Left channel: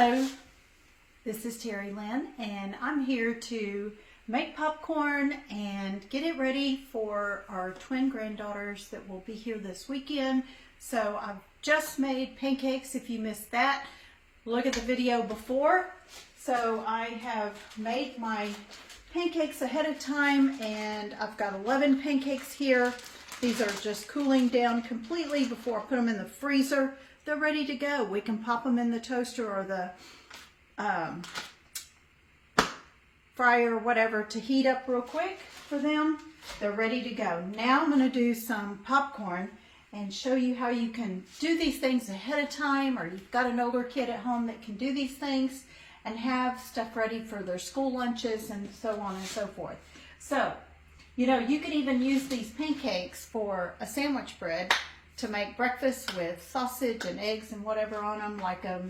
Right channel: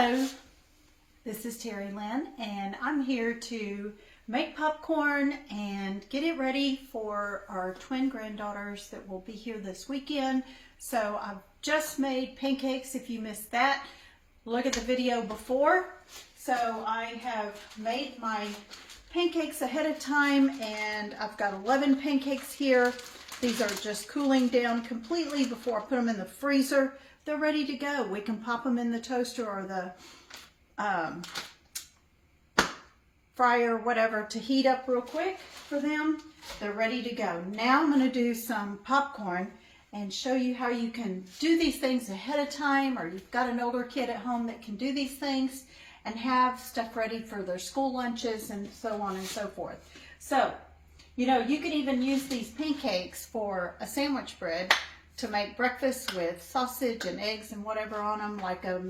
Hello, this is Terry Lynn, and I'm here to make popcorn and get it ready for our twin granddaughters that will be here this weekend. So I've just made pancakes. If you missed that, look at the video before. So I have made my pancakes ahead of time, and I've got 11 pancakes here. These are just cooling down completely before I put them in the freezer. They're ready to go. We can pop them in the toaster or the fryer, whatever, to heat up real quick for them. They're ready to go. Now I'm going to do some popcorn and show you how you can do these things ahead of time, or you've got an older kid at home that can do these things and have stuff ready for their school lunches and so on and so forth. So, you know, you could even use these pancakes for a sandwich bread to make breakfast with sausage and eggs and whatever on them, like a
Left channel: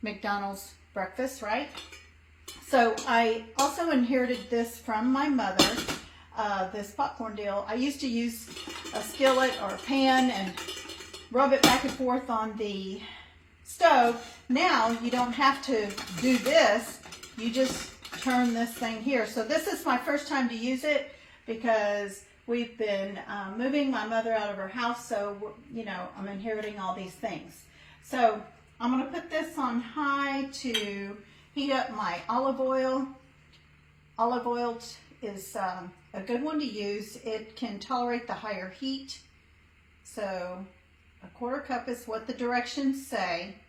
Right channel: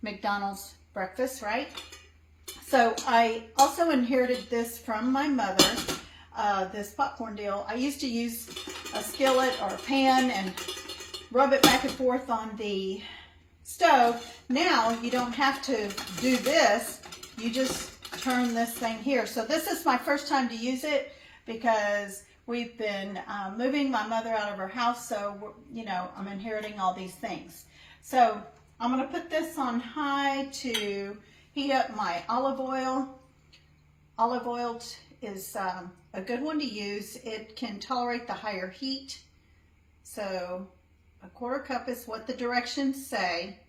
McDonald's breakfast, right? So I also inherited this from my mother, this popcorn deal. I used to use a skillet or a pan and rub it back and forth on the stove. Now you don't have to do this. You just turn this thing here. So this is my first time to use it because we've been moving my mother out of her house, so you know, I'm inheriting all these things. So I'm going to put this on high to heat up my olive oil. Olive oil is a good one to use. It can tolerate the higher heat. So a 1/4 cup is what the directions say.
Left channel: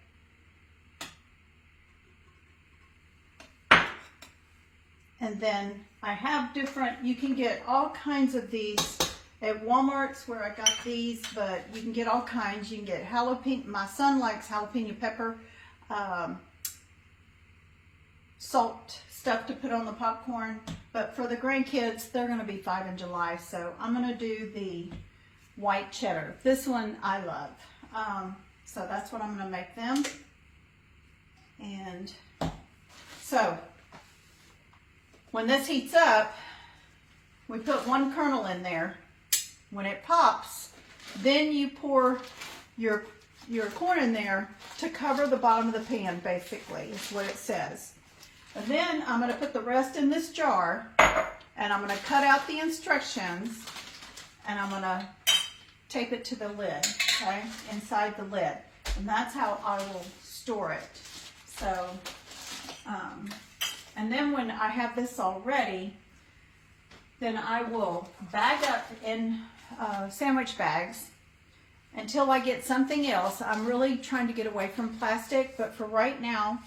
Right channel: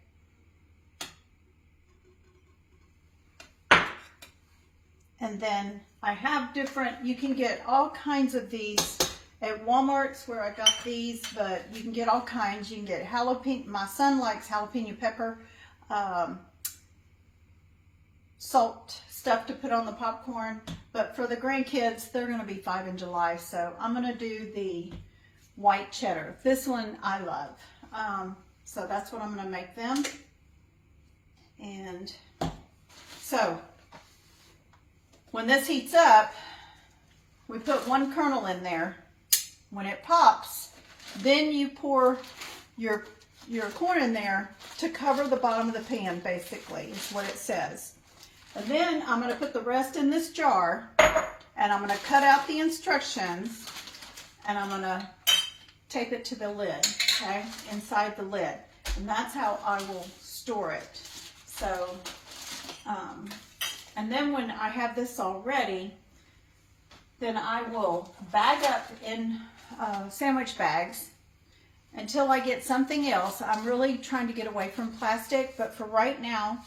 And then I have different, you can get all kinds of these at Walmart's where I got these, but you can get all kinds. You can get jalapeno, my son likes jalapeno pepper, salt stuff to put on the popcorn. But for the grandkids, they're gonna be 5 in July, so I'm gonna do the white cheddar. This one I love. So that's what I'm gonna make them. And so, when this heats up, we put 1 kernel in there. When it pops, then you pour your corn in there to cover the bottom of the pan, basically, is what it says. And then I'm going to put the rest in this jar, and I'm going to cut out the instructions, and I'm going to tape it to the lid, okay, inside the lid. And that's how I will store it. So, and then when I have this all ready, then I will bag up in sandwich bags until I get something else. I'm really trying to get away from plastic, but for right now,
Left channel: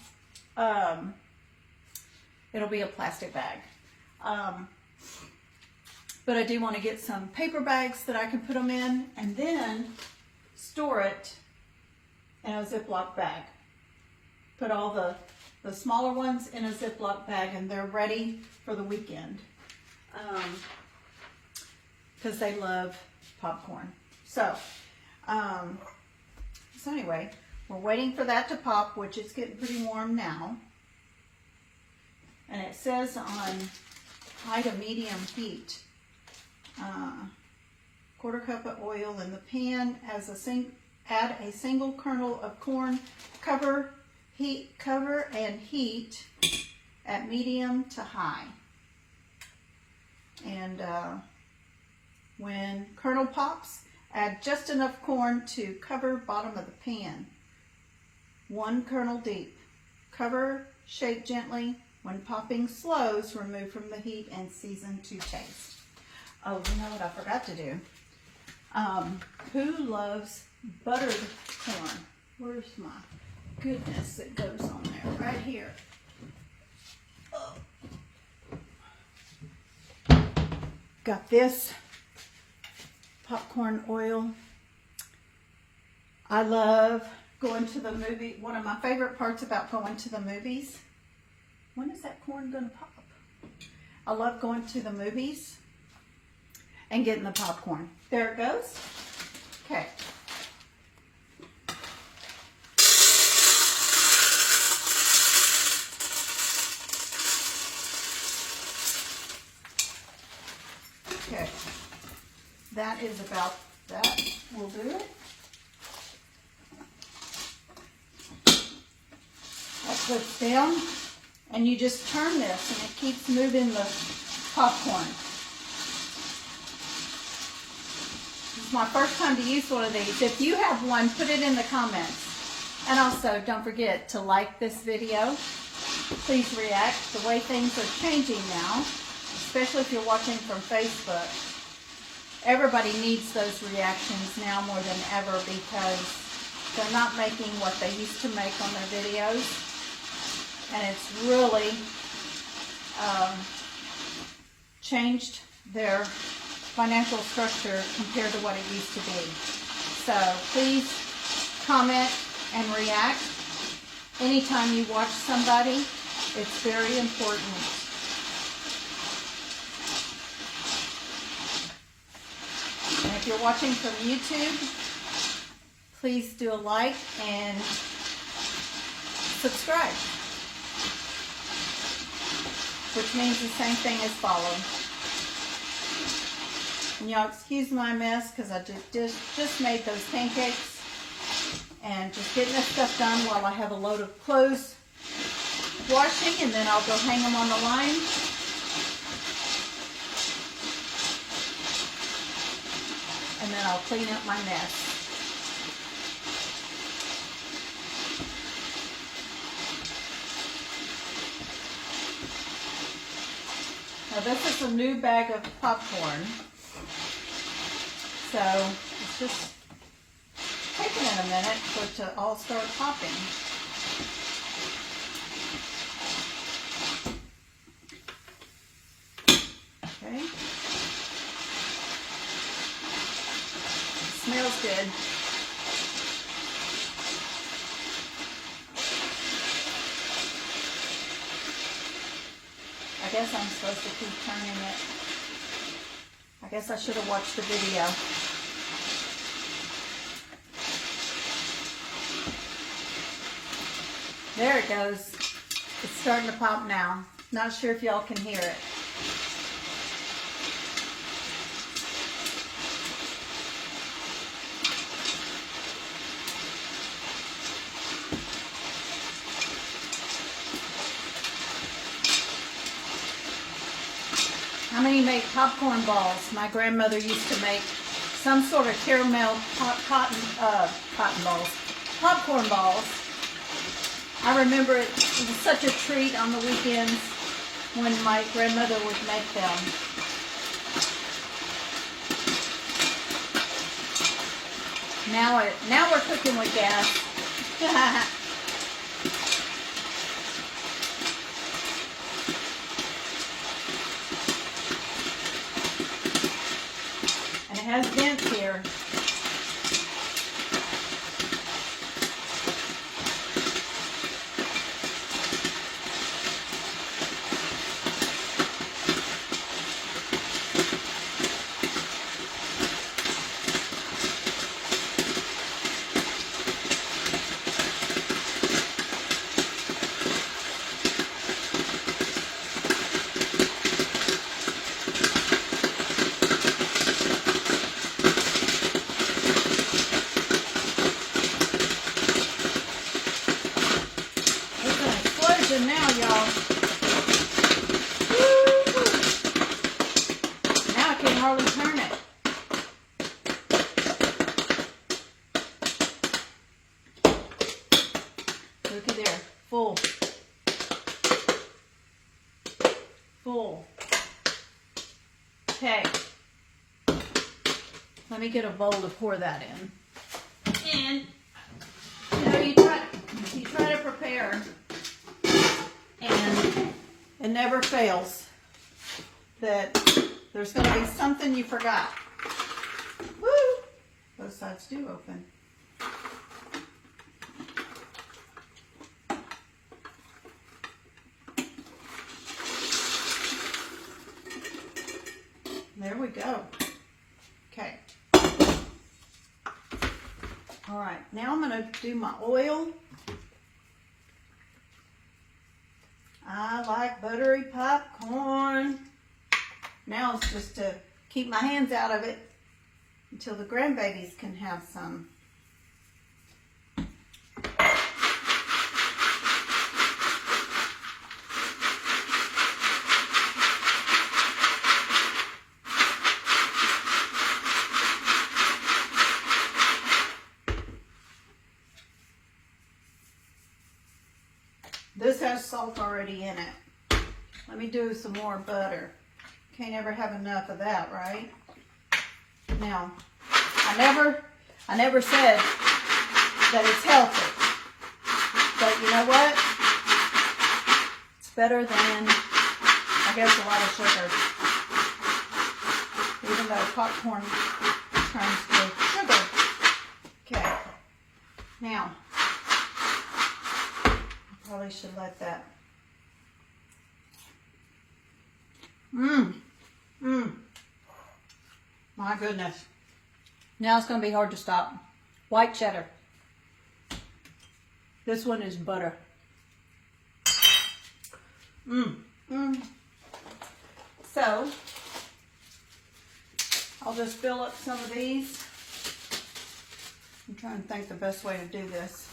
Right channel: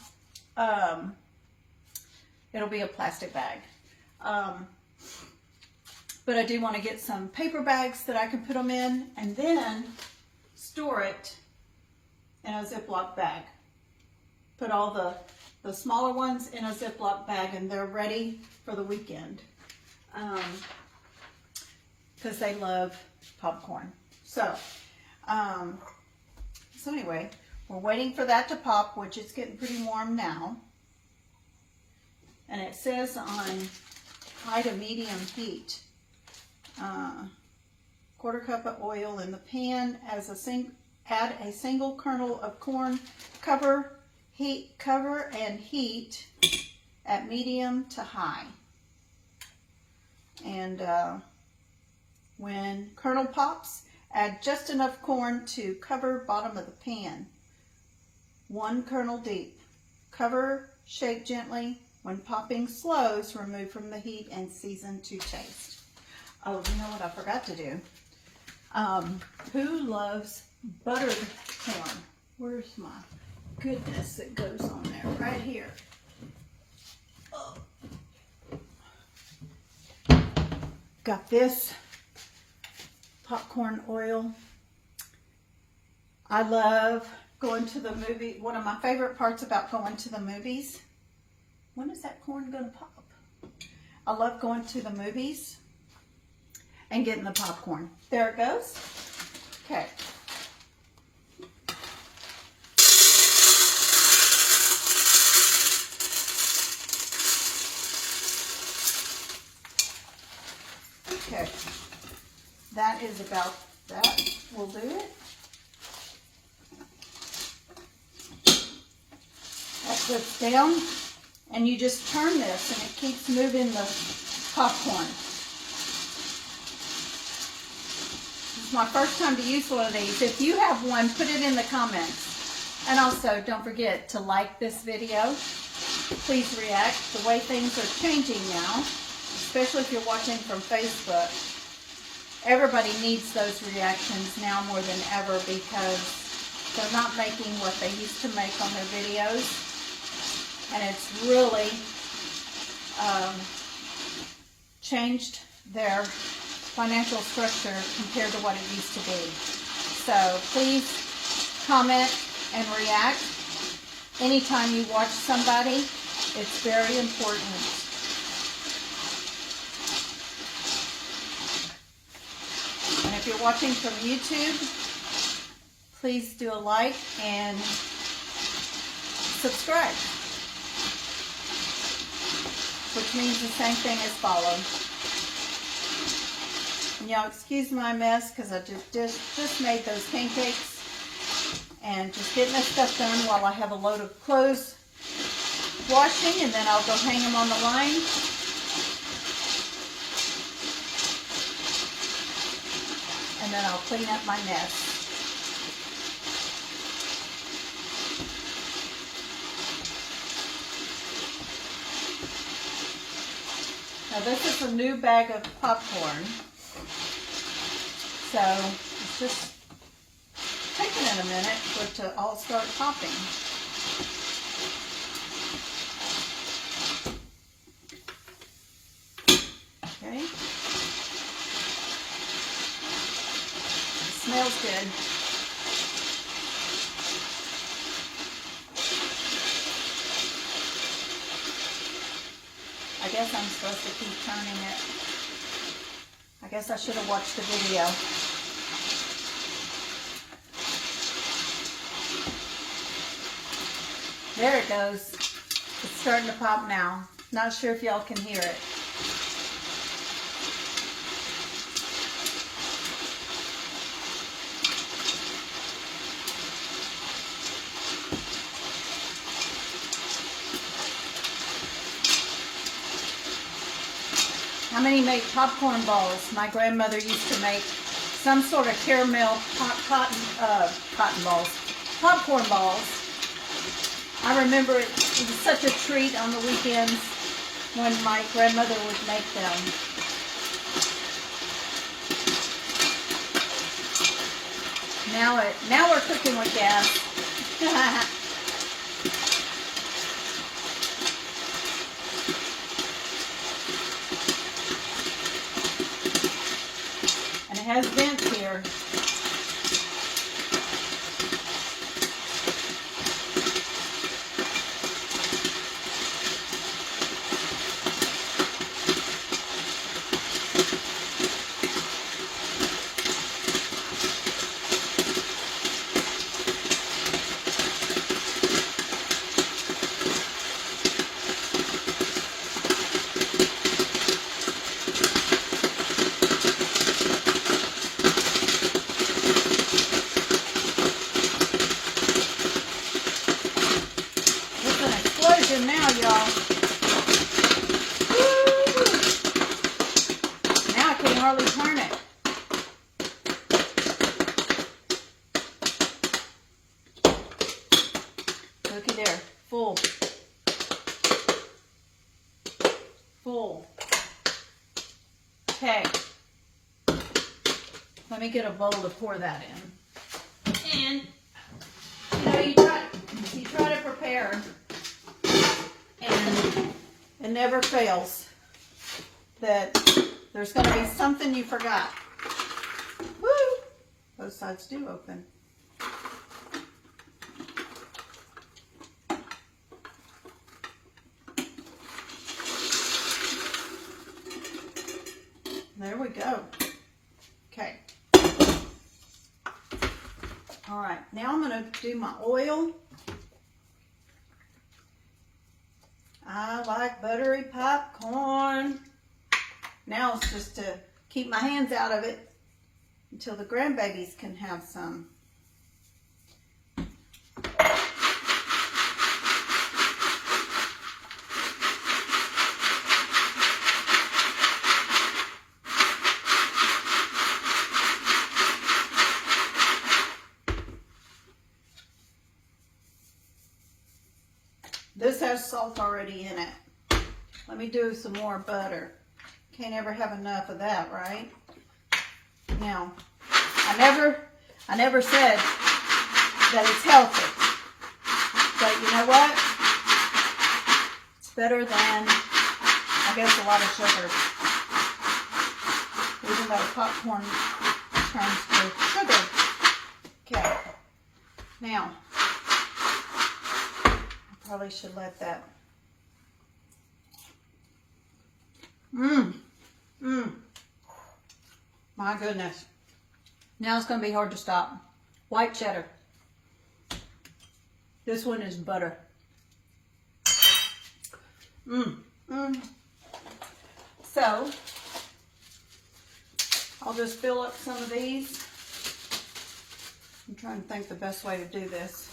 it'll be a plastic bag. But I do want to get some paper bags that I can put them in, and then store it in a Ziploc bag. Put all the smaller ones in a Ziploc bag, and they're ready for the weekend. Because they love popcorn. So anyway, we're waiting for that to pop, which is getting pretty warm now. And it says on high to medium heat. 1/4 cup of oil in the pan. Add a single kernel of corn. Cover and heat at medium to high. And when kernel pops, add just enough corn to cover bottom of the pan. 1 kernel deep. Cover, shake gently. When popping slows, remove from the heat and season to taste. Oh, you know what I forgot to do? Who loves buttered corn? Where's my goodness? It goes on there, right here. Oh. Got this popcorn oil. I love going to the movie. One of my favorite parts about going to the movies. When is that corn gonna pop? I love going to the movies and getting the popcorn. There it goes. Okay. Okay. That is about that. We'll do it. slips down, and you just turn this and it keeps moving the popcorn. This is my first time to use one of these. If you have one, put it in the comments. And also, don't forget to like this video. Please react. The way things are changing now, especially if you're watching from Facebook, everybody needs those reactions now more than ever because they're not making what they used to make on their videos. And it's really changed their financial structure compared to what it used to be. So please comment and react. Anytime you watch somebody, it's very important. And if you're watching from YouTube, please do a like and subscribe, which means the same thing as follow. And y'all excuse my mess because I just made those pancakes and just getting this stuff done while I have a load of clothes washing, and then I'll go hang them on the line. And then I'll clean up my mess. Now this is a new bag of popcorn, so it's just taking it a minute for it to all start popping. Okay. It smells good. I guess I'm supposed to keep turning it. I guess I should have watched the video. There it goes. It's starting to pop now. Not sure if y'all can hear it. How many make popcorn balls? My grandmother used to make some sort of caramel popcorn balls. I remember it was such a treat on the weekends when my grandmother would make them. Now we're cooking with gas. And it has vents here. Now, y'all. Now I can hardly turn it. Looky there. Full. Full. Okay. Let me get a bowl to pour that in. And, you know, you try to prepare. And it never fails that there's going to be something you forgot. Woo! Both sides do open. There we go. Okay. All right. Now I'm going to do my oil. I like buttery popcorn. Now it's just to keep my hands out of it until the grandbabies can have some. This has salt already in it. Let me do some more butter. Can't ever have enough of that, right? Now, I never said that it's healthy. But you know what? It's better than, I guess, a lot of sugar. Even though popcorn turns to sugar. Okay. Now, I probably should let that. My goodness. Now it's going to be hard to stop. White cheddar. This one is butter. So, I'll just fill up some of these. I'm trying to think the best way to do this.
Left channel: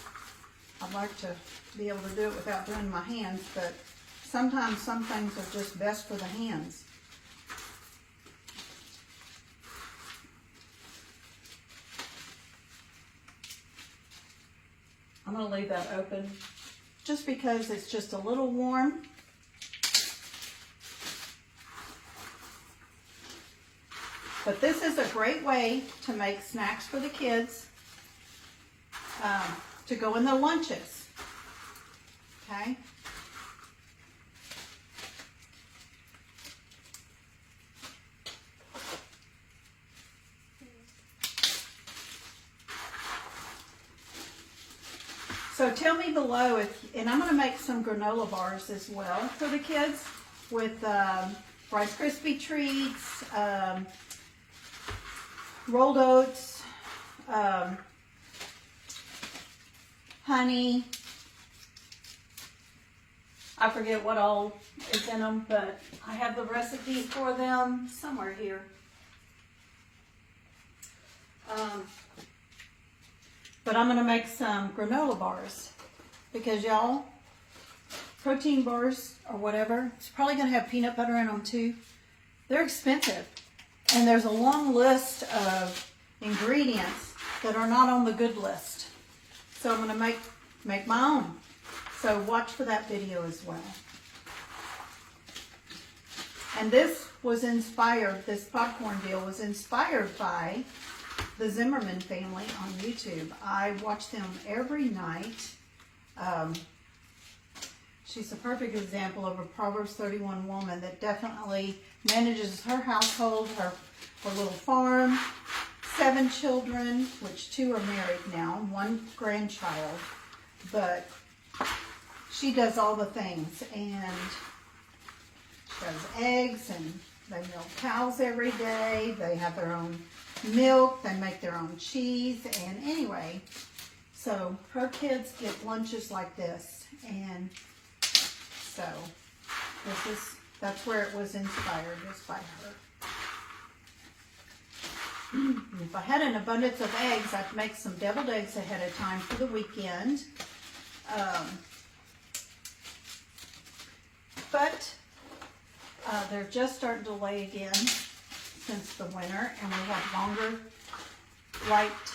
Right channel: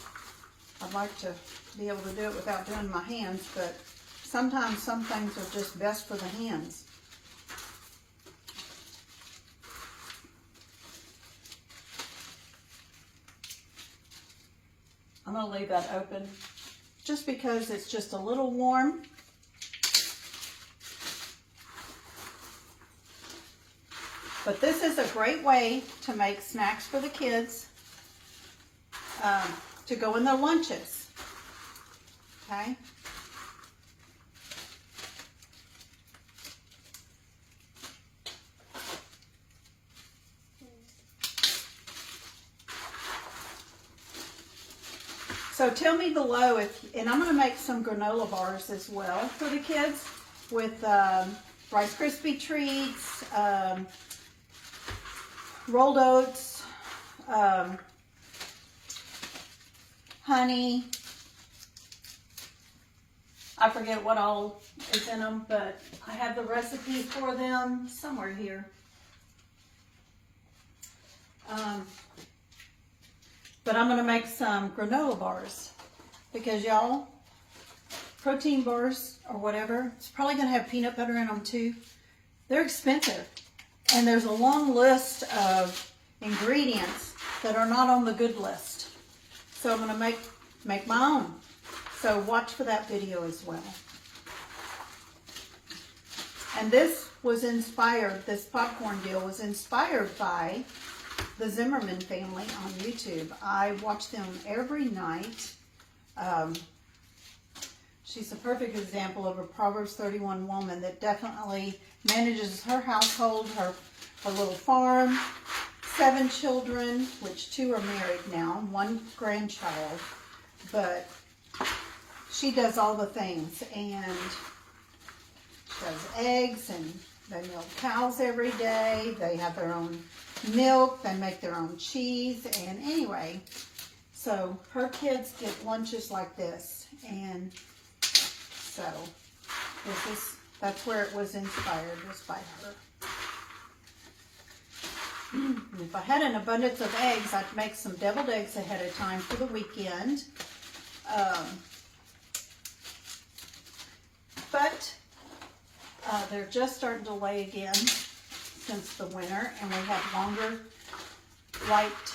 I'd like to be able to do it without doing my hands, but sometimes some things are just best for the hands. I'm going to leave that open just because it's just a little warm. But this is a great way to make snacks for the kids to go in their lunches. Okay? So tell me below if, and I'm going to make some granola bars as well for the kids with Rice Krispie treats, rolled oats, honey. I forget what all is in them, but I have the recipe for them somewhere here. But I'm going to make some granola bars because y'all, protein bars or whatever, it's probably going to have peanut butter in them too. They're expensive. And there's a long list of ingredients that are not on the good list. So I'm going to make my own. So watch for that video as well. And this was inspired, this popcorn deal was inspired by the Zimmerman family on YouTube. I watch them every night. She's a perfect example of a Proverbs 31 woman that definitely manages her household, her little farm, 7 children, which 2 are married now, 1 grandchild. But she does all the things, and she has eggs, and they milk cows every day. They have their own milk. They make their own cheese. And anyway, so her kids get lunches like this. And so that's where it was inspired, was by her. If I had an abundance of eggs, I'd make some deviled eggs ahead of time for the weekend. But they're just starting to lay again since the winter, and we have longer light